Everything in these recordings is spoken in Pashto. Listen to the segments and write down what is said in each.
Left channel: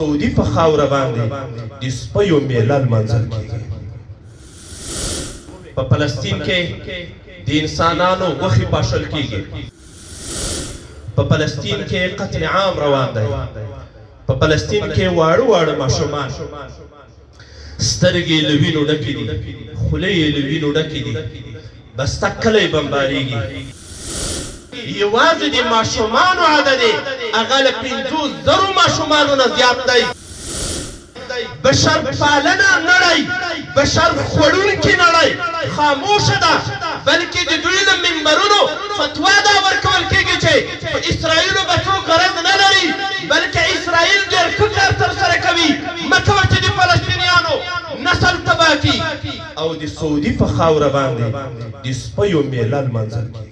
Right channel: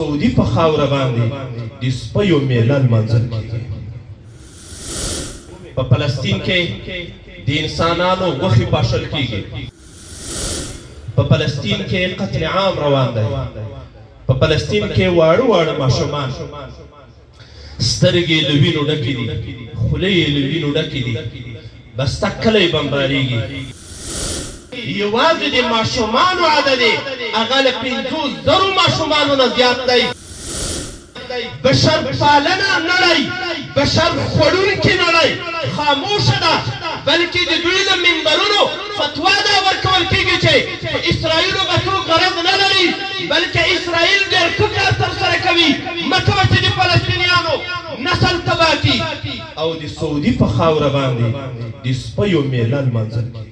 سعودي په خاوره باندې د سپیو میله لمانځل کېږي. په فلسطین کې د انسانانو غوښې پاشل کېږي. په فلسطین کې قتل عام روان دی. په فلسطین کې واړه واړه ماشومان سترګې له وینو ډکې دي، خولې یې له وینو ډکې دي، بسته کلی بمبارېږي. یوازې د ماشومانو عدد هغه له 5,000 ماشومانو نه زیات دی. بشر پالنه نړۍ، بشر خوړونکې نړۍ خاموشه ده، بلکې د دوی له منبرونو فتوا دا ورکول کېږي چې په اسرائیلو به څوک غرض نه لري، بلکې اسرائیل ډېر ښه کار ترسره کوي. مه کوه چې د فلسطینیانو نسل تباه کړي. او د سعودي په خاوره باندې د سپیو میله لمانځل کېږي.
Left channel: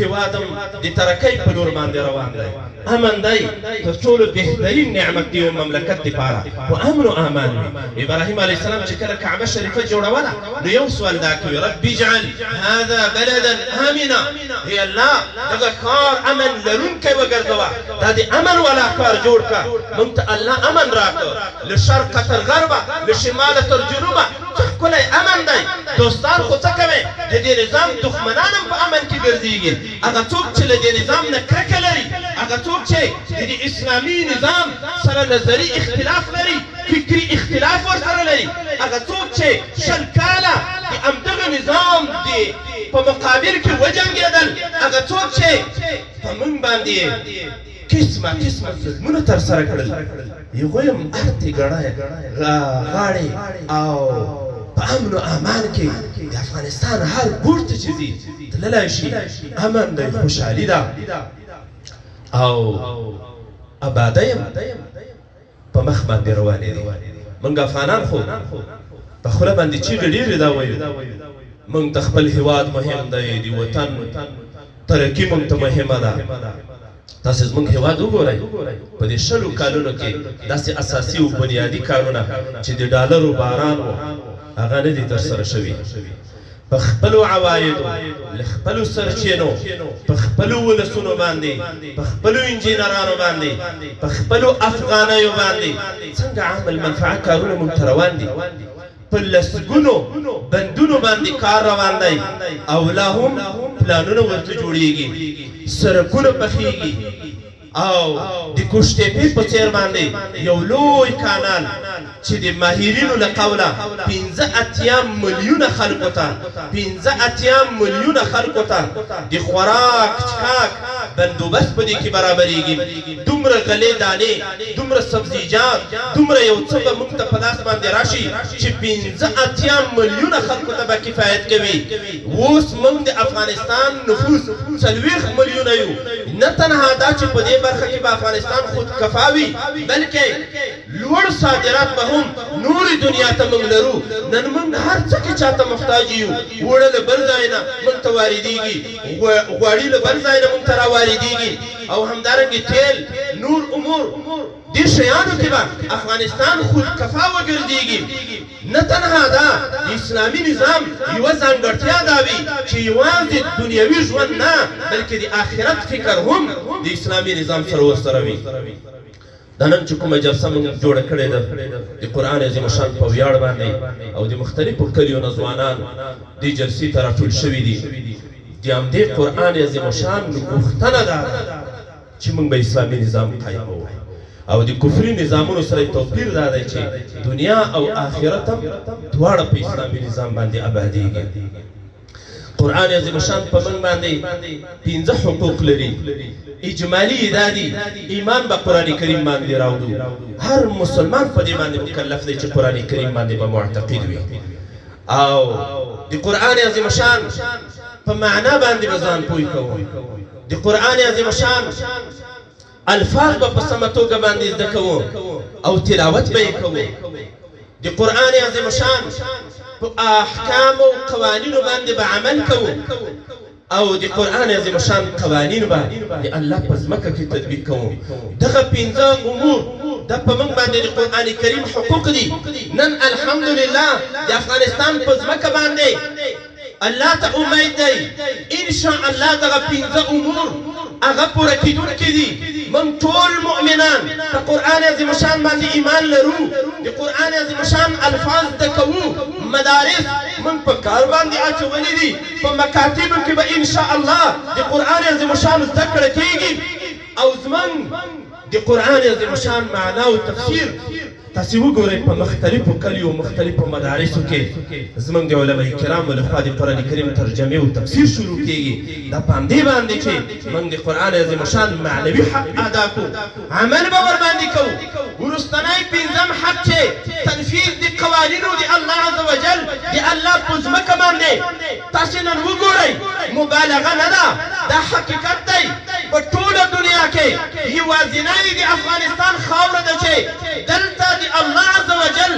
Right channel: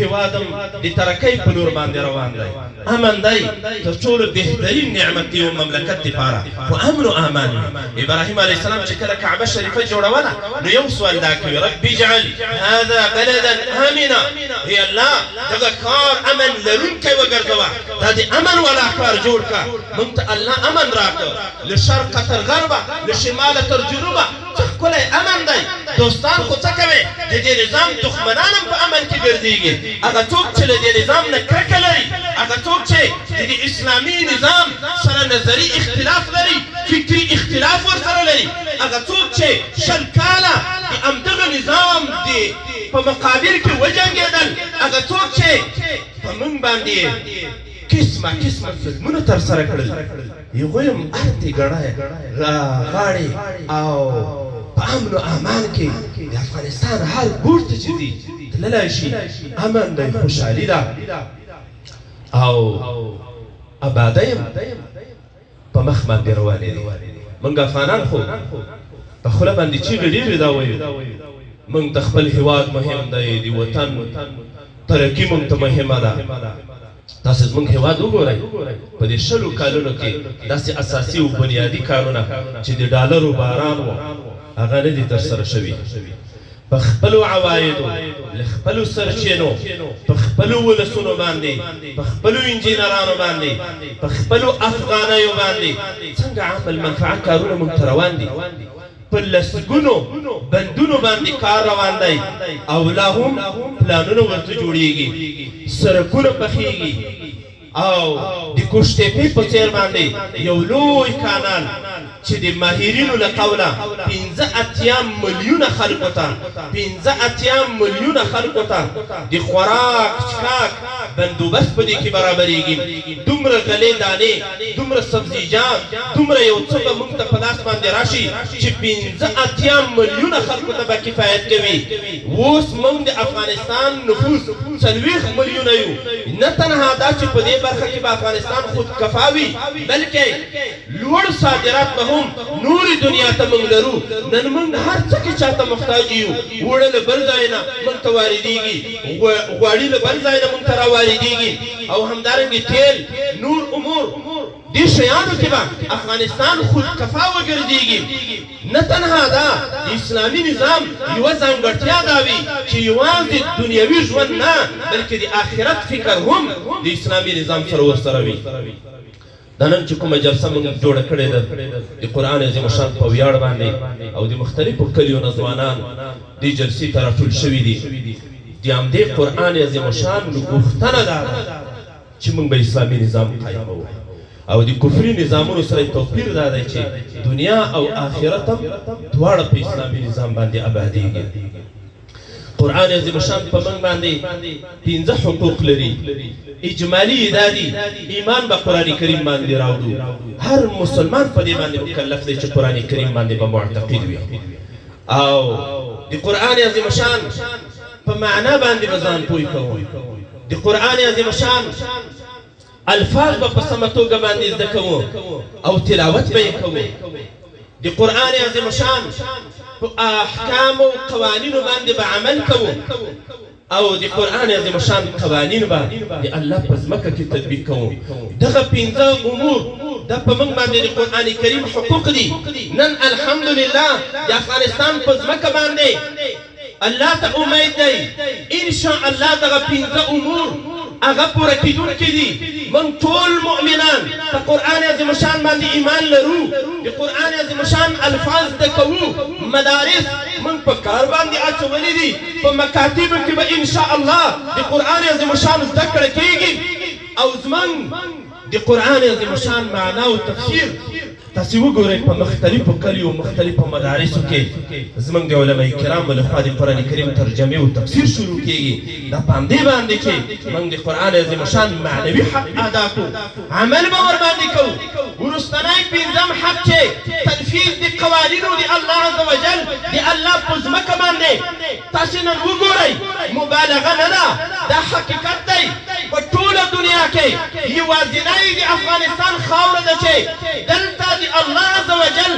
هیوادم د ترقۍ په لور باندې روان دی. امن دی تر ټولو بهترین نعمت دی او مملکت دپاره، خو امن و امان وي. ابراهیم علیه السلام چې کله کعبه شریفه جوړوله نو یو سوال دا کوي، رب اجعل هذا بلدا امنا، ای الله دغه ښار امن لرونکی وګرځوه، دا د امن والا ښار جوړ کړه. موږ ته الله امن راکړه، له شرقه تر غربه، له شماله تر جنوبه ښکلی امن دی. دوستان خو څه کوي؟ د دې نظام دښمنان هم په امن کې ګرځېږي. هغه څوک چې له دې نظام نه کرکه لري، هغه څوک چې د دې اسلامي نظام سره نظري اختلاف لري، فکري اختلاف ورسره لري، هغه څوک چې 20 کاله د همدغه نظام د په مقابل کې وجنګېدل، هغه څوک چې په موږ باندې قسمه قسمه ظلمونه ترسره کړل، هغوی هم ارتې ګړی غاړې او په امن و امان کې د افغانستان هر ګوټ ته چې ځي تللی شي. امن دی، خوشحالي ده او ابادۍ هم په مخ باندې روانې دي. موږ افغانان خو په خوله باندې چیغې ډېرې دا وایو، موږ ته خپل هېواد مهم دی، د وطن ترقي موږ ته مهمه ده. تاسې زموږ هېواد وګورئ، په دې 20 کالونو کې داسې اساسي او بنیادي کارونه چې د ډالرو باران و هغه نه دي ترسره شوي. په خپلو عوایدو، له خپلو سرچینو، په خپلو ولسونو باندې، په خپلو انجینرانو باندې، په خپلو افغانیو باندې څنګه عام المنفعه کارونه موږ ته روان دي. په لسګونو بندونو باندې کار روان دی او لا هم پلانونه ورته جوړېږي، سړکونه پخېږي او د کوشتېپې په څېر باندې یو لوی کانال چې د ماهرینو له قوله 85 میلیونه خلکو ته 85 میلیونه خلکو ته د خوراک څښاک بندوبست په دې کې برابرېږي. دومره غلې دانې، دومره سبزیجات، دومره یو څه به موږ ته په لاس باندې راشي چې 85 میلیونه خلکو ته به کفایت کوي. اوس موږ د افغانستان نفوس 40 میلیونه یو. نه تنها دا چې په دې برخه کې به افغانستان خودکفا وي، بلکې لوړ صادرات به هم نورې دنیا ته موږ لرو. نن موږ هر څه کې چاته محتاج یو. اوړه له بل ځای نه موږ ته واردېږي، غوړي له بل ځای نه موږ ته راواردېږي، او همدارنګې تیل، نور امور. دې شیانو کې به افغانستان خودکفا وګرځېږي. نه تنها دا د اسلامي نظام یوه ځانګړتیا دا وي چې یوازې دنیوي ژوند نه، بلکې د آخرت فکر هم د اسلامي نظام سره ورسره وي. دا نن چې کومه جلسه موږ جوړه کړې ده د قرآن عظیم شان په ویاړ باندې او د مختلفو کلیو نه ځوانان دې جلسې ته راټول شوي دي. د همدې قرآن عظیم شان غوښتنه دا ده چې موږ به اسلامي نظام قایموو او د کفري نظامونو سره توپیر دا دی چې دنیا او آخرت هم دواړه په اسلامي نظام باندې ابادېږي. قرآن عظیم شان په موږ باندې 15 حقوق لري. اجمالي دا دي، ایمان به قرآن کریم باندې راوړو. هر مسلمان په دې باندې مکلف دی چې قرآن کریم باندې به معتقد وي او د قرآن عظیم شان په معنا باندې به ځان پوه کوو. د قرآن عظیم شان الفاظ به په سمه توګه باندې زده کوو او تلاوت به یې کوو. د قرآن عظیم شان په احکام او قوانینو باندې به عمل کوو او د قرآن عظیم شان قوانین به د الله په ځمکه کې تطبیق کوو. دغه 15 امور دا په موږ باندې د قرآن کریم حقوق دي. نن الحمدلله د افغانستان په ځمکه باندې الله ته امید دی ان شاء الله دغه 15 امور هغه پوره کېدونکي دي. من ټول مؤمنان په قرآن عظیم شان باندې ایمان لرو د قرآن عظیم شان الفاظ زده کوو مدارس من په کار باندې اچولي دي په مکاتبو کې به انشاء الله د قرآن عظیم شان زده کړه کېږي او زموږ د قرآن عظیم شان معنا او تفسیر تاسو وګورئ په مختلفو کلیو مختلفو مدارسو کې زموږ د علماء کرامو لخوا د قرآن کریم ترجمې او تفسیر شروع کېږي دا په همدې باندې چې موږ د قرآن عظیم شان معنوي حق ادا کړو عمل به ورباندې کوو وروستنی پنځم حق چې تنفیذ د قوانینو د الله عز وجل د الله په ځمکه باندې تاسو نن وګورئ مبالغه نه ده دا حقیقت دی په ټوله دنیا کې یوازینی د افغانستان خاوره ده چې دلته د الله عز وجل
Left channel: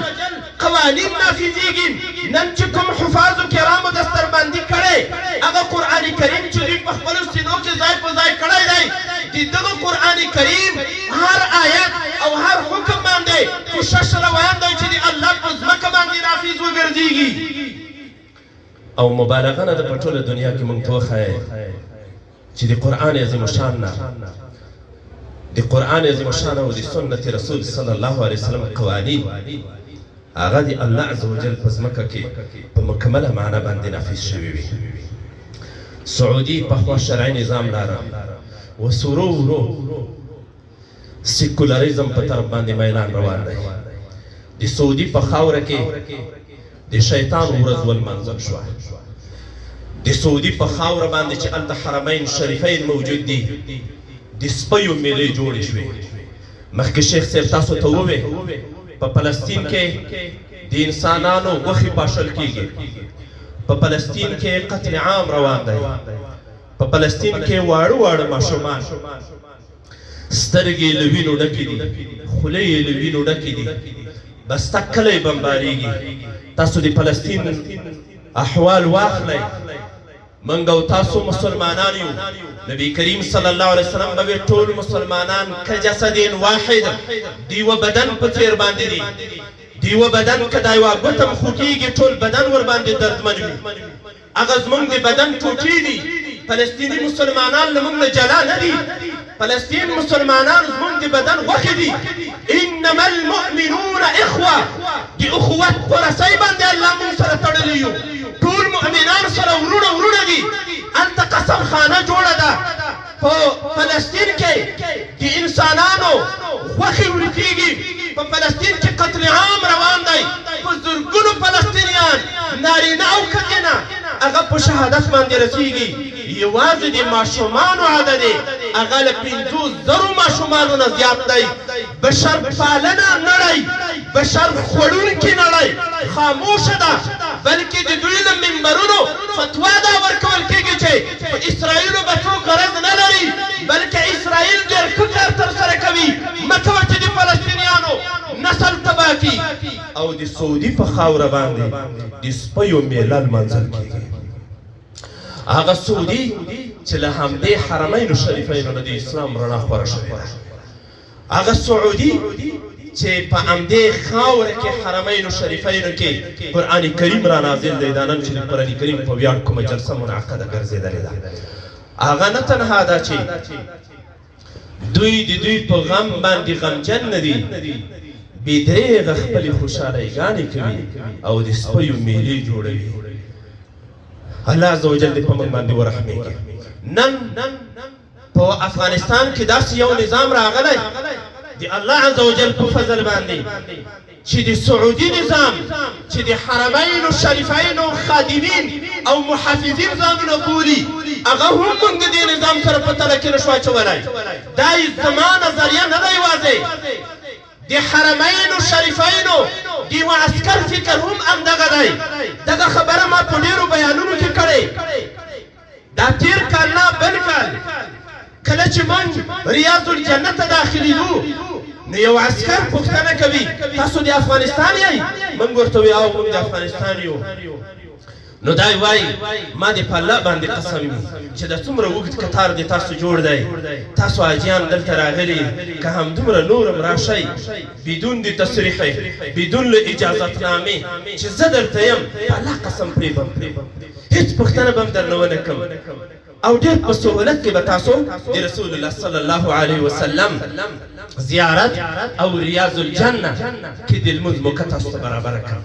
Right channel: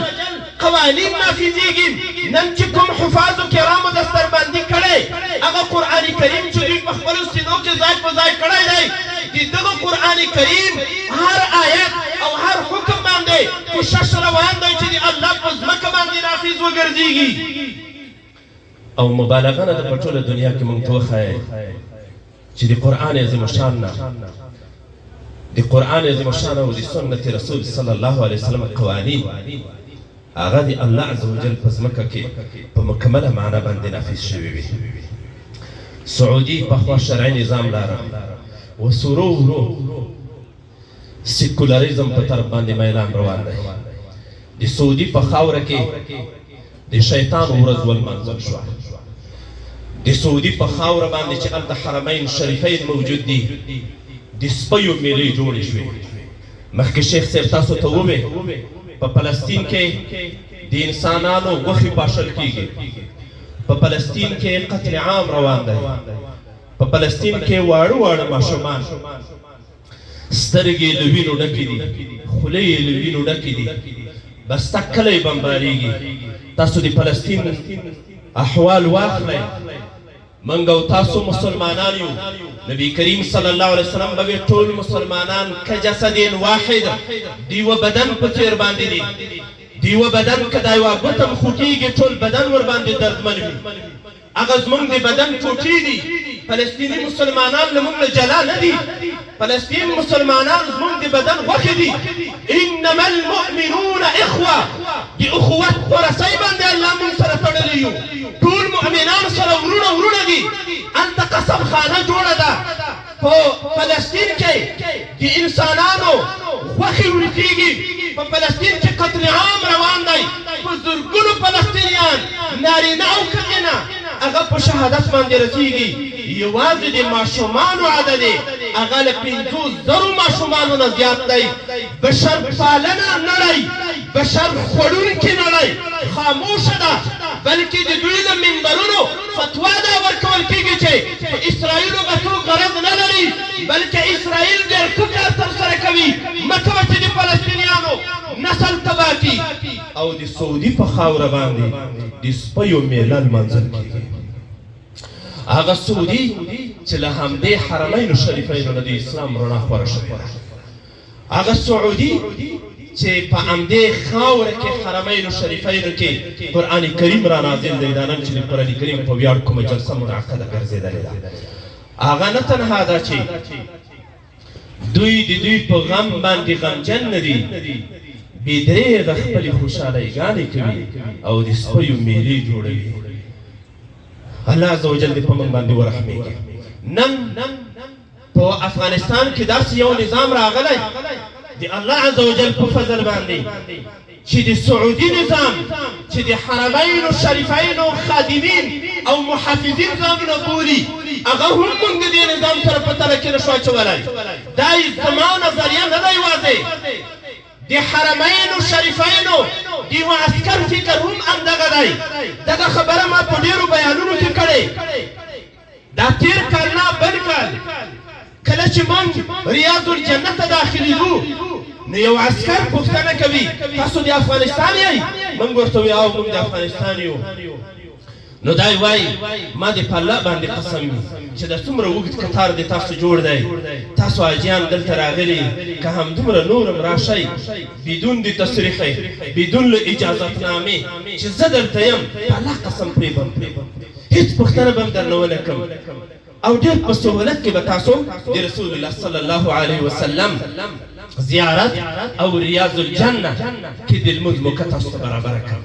قوانین نافذیږي نن چې کوم حفاظو کرامو دستربندي کړی هغه قرآن کریم چې دوی په خپلو سینو کې ځای په ځای کړی دی د دغه قرآن کریم هر آیت او هر حکم باندې کوشش روان دی چې د الله په ځمکه باندې نافذ وګرځېږي او مبالغه نه ده په ټوله دنیا کې موږ ته وښایي چې د قرآن عظیم شان نه د قرآن عظیم شان او د سنت رسول صلی الله علیه وسلم قوانین هغه د الله عز وجل په ځمکه کې په مکمله معنا باندې نافذ شوي وي سعودي پخوا شرعي نظام لاره وسورو سیکولریزم په طرف باندې میلان روان دی د سعودي په خاوره کې د شیطان ورځ ولمانځل شوه د سعودي په خاوره باندې چې هلته حرمین شریفین موجود دي د سپیو میلې جوړې شوې مخکې شیخ صاحب تاسو ته ووې په فلسطین کې د انسانانو غوښې پاشل کېږي په فلسطین کې قتل عام روان دی په فلسطین کې واړه واړه ماشومان سترګې له وینو ډکې دي خولې یې له وینو ډکې دي بسته کلی بمبارېږي تاسو د فلسطین احوال واخلئ موږ او تاسو مسلمانان یو نبی کریم صلی الله علیه وسلم به ټول مسلمانان کجسد واحد دیو بدن په څیر باندې دي دیو بدن کدا یو غوتم خوټیږي ټول بدن ور باندې دردمن وي هغه زموږ د بدن ټوټې دي فلسطینی مسلمانان له موږ جلا نه دي فلسطین مسلمانان زموږ د بدن غوښې دي انما المؤمنون اخوه د اخوت ورسۍ باندې الله موږ سره تړلي یو ټول مؤمنان سره ورونه ورونه دي هلته قسم خانه جوړه ده په فلسطین کې د انسانانو غوښې ورکېږي په فلسطین کې قتل عام روان دی په زرګونو فلسطینیان نارینه او ښځینه هغه په شهادت باندې رسېږي یوازې د ماشومانو عدد هغه له 500,000 ماشومانو نه زیات دی بشر پالنه نړۍ بشر خوړونکې نړۍ خاموشه ده بلکې د دوی له منبرونو فتوا دا ورکول کېږي چې په اسرائیلو به څوک غرض نه لري بلکې اسرائیل ډېر ښه کار ترسره کوي مه کوه چې د فلسطینیانو نسل تباه کړي او د سعودي په خاوره باندې د سپیو میله لمانځل کېږي هغه سعودي چې له همدې حرمینو شریفینو نه د اسلام رڼا خوره شوې هغه سعودي چې په همدې خاوره کې حرمینو شریفینو کې قرآن کریم را نازل دی دا نن چې د قرآن کریم په ویاړ کومه جلسه منعقده ګرځېدلې ده هغه نه تنها ده چې دوی د دوی په غم باندې غمجن نه دي بې درېغه خپلې خوشحالیګانې کوي او د سپیو میلې جوړوي الله عز وجل دې په موږ باندې ورحمېږي نن په افغانستان کې داسې یو نظام راغلی د الله عز وجل په فضل باندې چې د سعودي نظام چې د حرمینو شریفینو خادمین او محافظین ځانونه بولي هغه هم موږ د دې نظام سره په تله کې نشو اچولی دا زما نظریه نه ده یوازې د حرمینو شریفینو د یو عسکر فکر هم همدغه دی دغه خبره ما په ډېرو بیانونو کې کړې دا تېر کال نه بل کال کله چې موږ ریاض الجنه ته داخلېږو نو یو عسکر پوښتنه کوي تاسو د افغانستان یئ موږ ورته وایو او موږ د افغانستان یو نو دا وایي ما دې په الله باندې قسم وي چې د څومره اوږد کتار د تاسو جوړ دی تاسو حاجیان دلته راغلي که همدومره نور هم راشئ بدون د تصریح بدون له اجازتنامې چې زه دلته یم په الله قسم پرې بم هېڅ پوښتنه به هم درنه ونه کړم او ډېر په سهولت کې به تاسو د رسول الله صلی الله علیه وسلم زیارت او ریاض الجنه کې د لمونځ موقع تاسو ته برابره کړم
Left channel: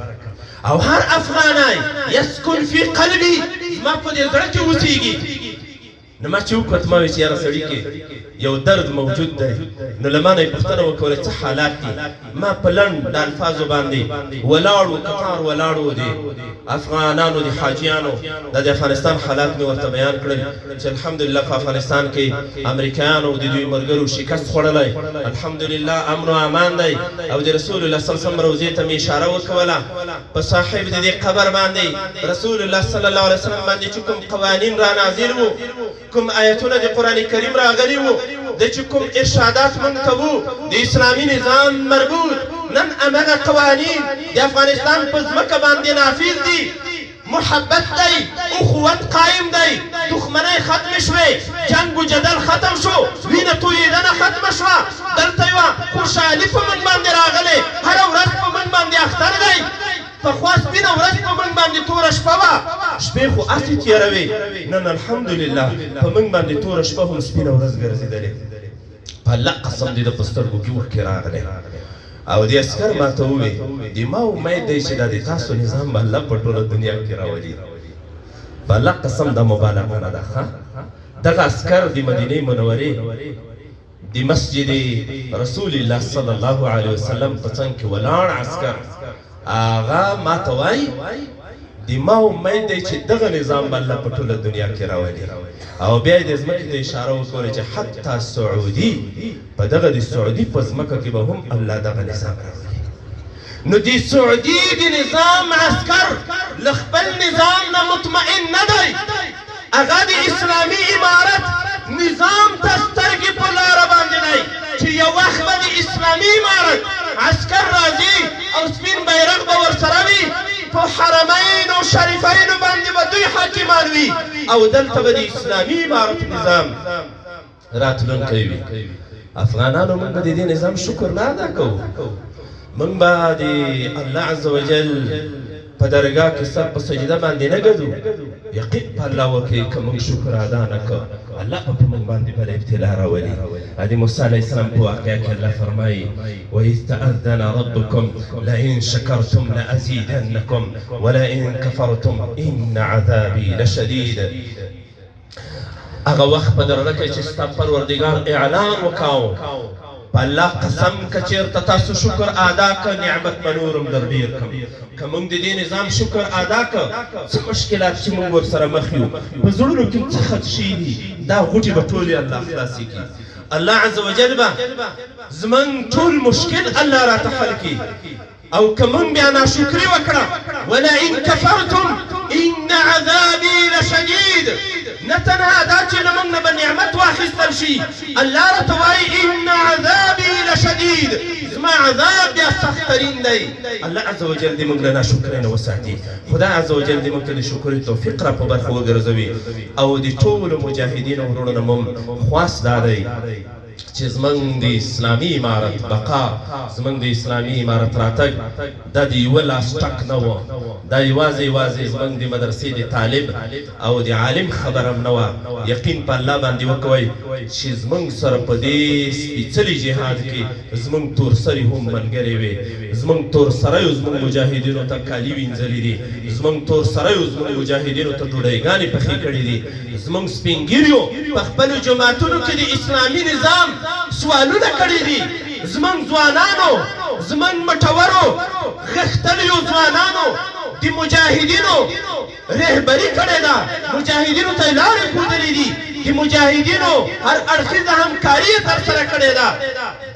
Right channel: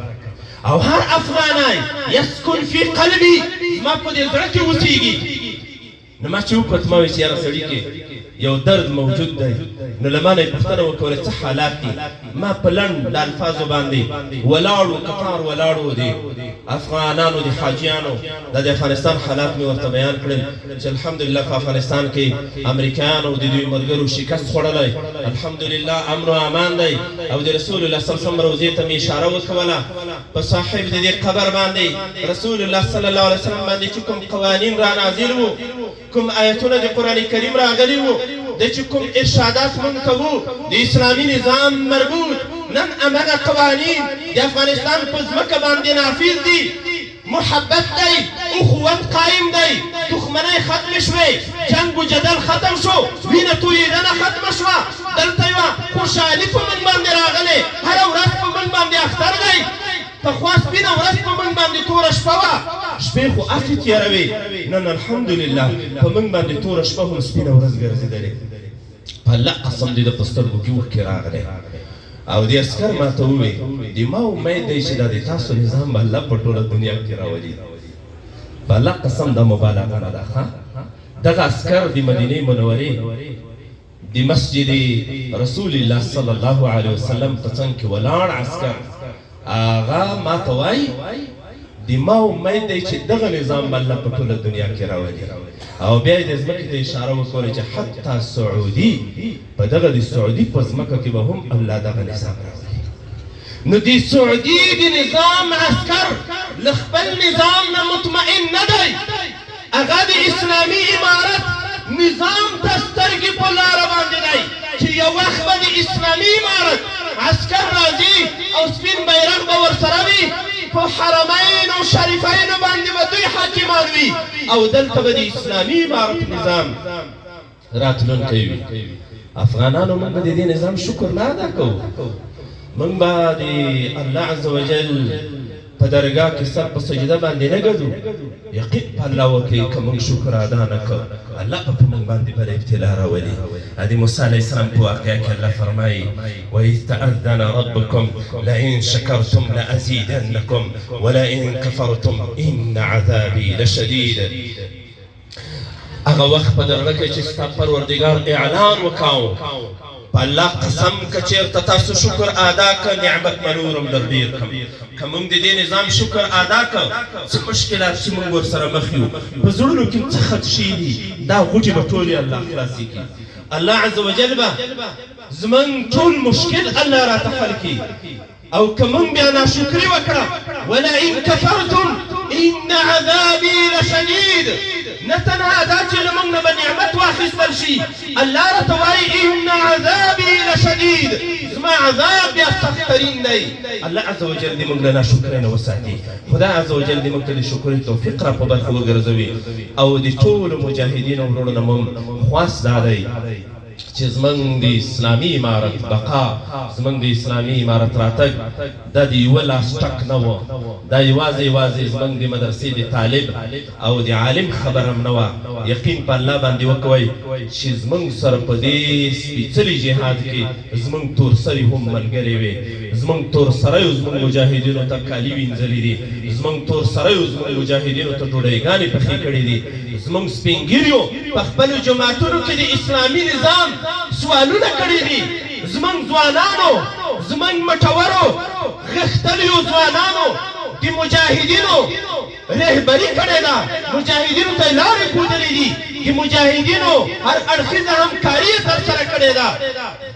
او هر افغانای یسکن فی قلبي ما په دې زړه کې اوسېږي نو ما چې وکړه ما ویل چې یاره سړي کې یو درد موجود دی نو له ما نه یې پوښتنه وکړه څه حالات دي ما په لنډ د الفاظو باندې ولاړو قطار ولاړو دي افغانانو د حاجیانو د افغانستان حالات مې ورته بیان کړل چې الحمدلله په افغانستان کې امریکایانو د دوی ملګرو شکست خوړلی الحمدلله امن و امان دی او د رسول الله صلی الله علیه وسلم روضې ته مې اشاره وکوله په صاحب د دې قبر باندې رسول الله صلی الله علیه وسلم باندې چې کوم قوانین را نازل وو کوم آیتونه د قرآن کریم راغلي وو د چې کوم ارشادات مونږ ته وو د اسلامي نظام مربوط نن امغه قوانین د افغانستان په ځمکه باندې نافذ دي محبت دی اخوت قائم دی دښمنۍ ختم شوې جنگ و جدل ختم شو وینه تویېدنه ختمه شوه دلته یوه خوشحالي په موږ باندې راغلې هره ورځ په موږ باندې اختر دی پخوا سپینه ورځ په موږ باندې توره شپه وه شپې خو هسې تېروې نن الحمدلله په موږ باندې توره شپه هم سپینه ورځ ګرځېدلې په الله قسم دې د په سترګو کې اوښکې راغلی او دې عسکر ما ته وویل د ما امید دی چې دا د تاسو نظام به الله په ټوله دنیا کې راولي په الله قسم دا مبالغه نه ده ښه دغه عسکر د مدینې منورې د مسجد رسول الله صلی الله علیه وسلم په څنګ کې ولاړ عسکر هغه ما ته وایي د ما امید دی چې دغه نظام به الله په ټوله دنیا کې راولي او بیا یې د ځمکې ته اشاره وکړه چې حتی سعودي په دغه د سعودي په ځمکه کې به هم الله دغه نظام راولي نو د سعودي د نظام عسکر له خپل نظام نه مطمئن نه دی هغه د اسلامي امارت نظام ته سترګې په لاره باندې دی چې یو وخت به د اسلامي امارت عسکر راځي او سپین بیرغ به ورسره وي په حرمین او شریفینو باندې به دوی حاکمان وي او دلته به د اسلامي امارت نظام راتلونکی وي افغانانو موږ به د دې نظام شکر نه ادا کوو موږ به د الله عز وجل په درګاه کې سر په سجده باندې نه ګرځو یقین په الله وکړئ که موږ شکر ادا نه کوو الله به په موږ باندې بله ابتلا راولي د موسی علیه السلام په واقعه کې الله فرمایي وإذ تأذن ربكم لئن شكرتم لأزيدنكم ولئن كفرتم إن عذابي لشديد هغه وخت په درغه کې چې ستا پروردګار اعلان وکاو الله قسم که چېرته تاسو شکر ادا که نعمت به نورم در ډېر کړم که موږ د دې نظام شکر ادا که څه مشکلات چې موږ ورسره مخ یو په زړونو کې څه خدشې دي دا غوټې به ټولې الله خلاصې کړي الله عز وجل به زموږ ټول مشکل الله راته حل کړي او که موږ بیا ناشکري وکړه ولئن کفرتم ان عذابي لشدید نه تنها دا چې له موږ نه به نعمت واخیستل شي الله راته وایي ان عذابي لشدید زما عذاب بیا سختترین دی الله عز وجل دې موږ له ناشکرۍ نه وساتي خدای عز وجل دې موږ ته د شکرۍ توفیق را په برخه وګرځوي او د ټولو مجاهدینو وروڼو نه مو خواست دا دی چې زموږ د اسلامي امارت بقا زموږ د اسلامي امارت راتګ دا د یوه لاس ټک نه و دا یوازې زموږ د مدرسې د طالب او د عالم خبره هم نه وه یقین په الله باندې وکوئ چې زموږ سره په دې سپېڅلي جهاد کې زموږ تورسري هم ملګرې وې زموږ تورسریو زموږ مجاهدینو ته کالي وینځلي دي زموږ تورسریو زموږ مجاهدینو ته ډوډۍ پخې کړې دي زموږ سپین ګیریو په خپلو جماعتونو کې د اسلامي نظام سوالونه کړي دي زموږ ځوانانو زموږ مټورو غښتلیو ځوانانو د مجاهدینو رهبري کړې ده مجاهدینو ته لارې ښودلې دي د مجاهدینو هر اړخیزه همکاري یې ترسره کړې ده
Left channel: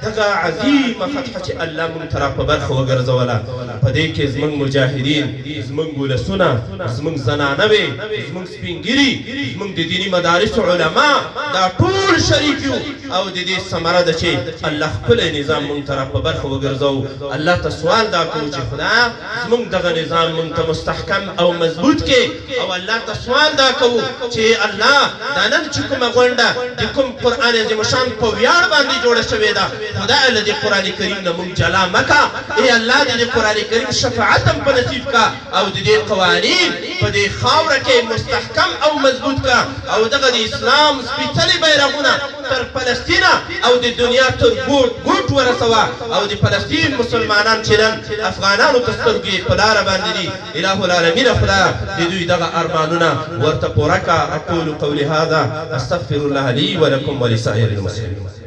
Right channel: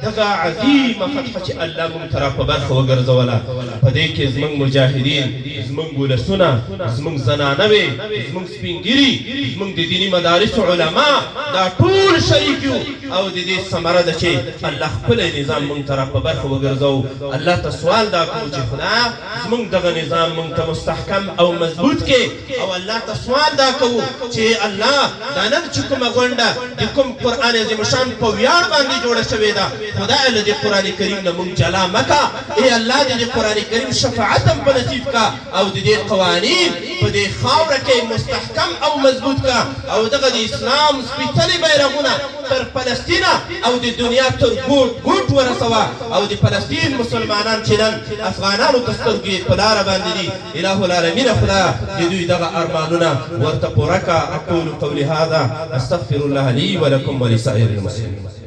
دغه عظیمه فتحه چې الله موږ ته را په برخه وګرځوله په دې کې زموږ مجاهدین زموږ ولسونه زموږ زنانوې زموږ سپین ګیري زموږ د دیني مدارسو علما دا ټول شریک یو او د دې ثمره ده چې الله ښکلی نظام موږ ته را په برخه وګرځوو الله ته سوال دا کوو چې خدایه زموږ دغه نظام موږ ته مستحکم او مضبوط کې او الله ته سوال دا کوو چې الله دا نن چې کومه غونډه د کوم قرآن عظیم شان په ویاړ باندې جوړه شوې ده خدای له قرآن کریم نه مونږ جلا مکا ای الله دې قرآن کریم شفاعت هم په نصیب کا او دې قوانین په دې خاوره کې مستحکم او مضبوط کا او دغه د اسلام سپېڅلي بیرغونه تر فلسطین او د دنیا تر ګوټ ګوټ ورسوه او د فلسطین مسلمانان چې نن افغانانو ته سترګې په لاره باندې دي اله العالمین خدایه د دوی دغه ارمانونه ورته پوره کا. اقول قولي هذا استغفر الله لي ولكم ولسائر المسلمين.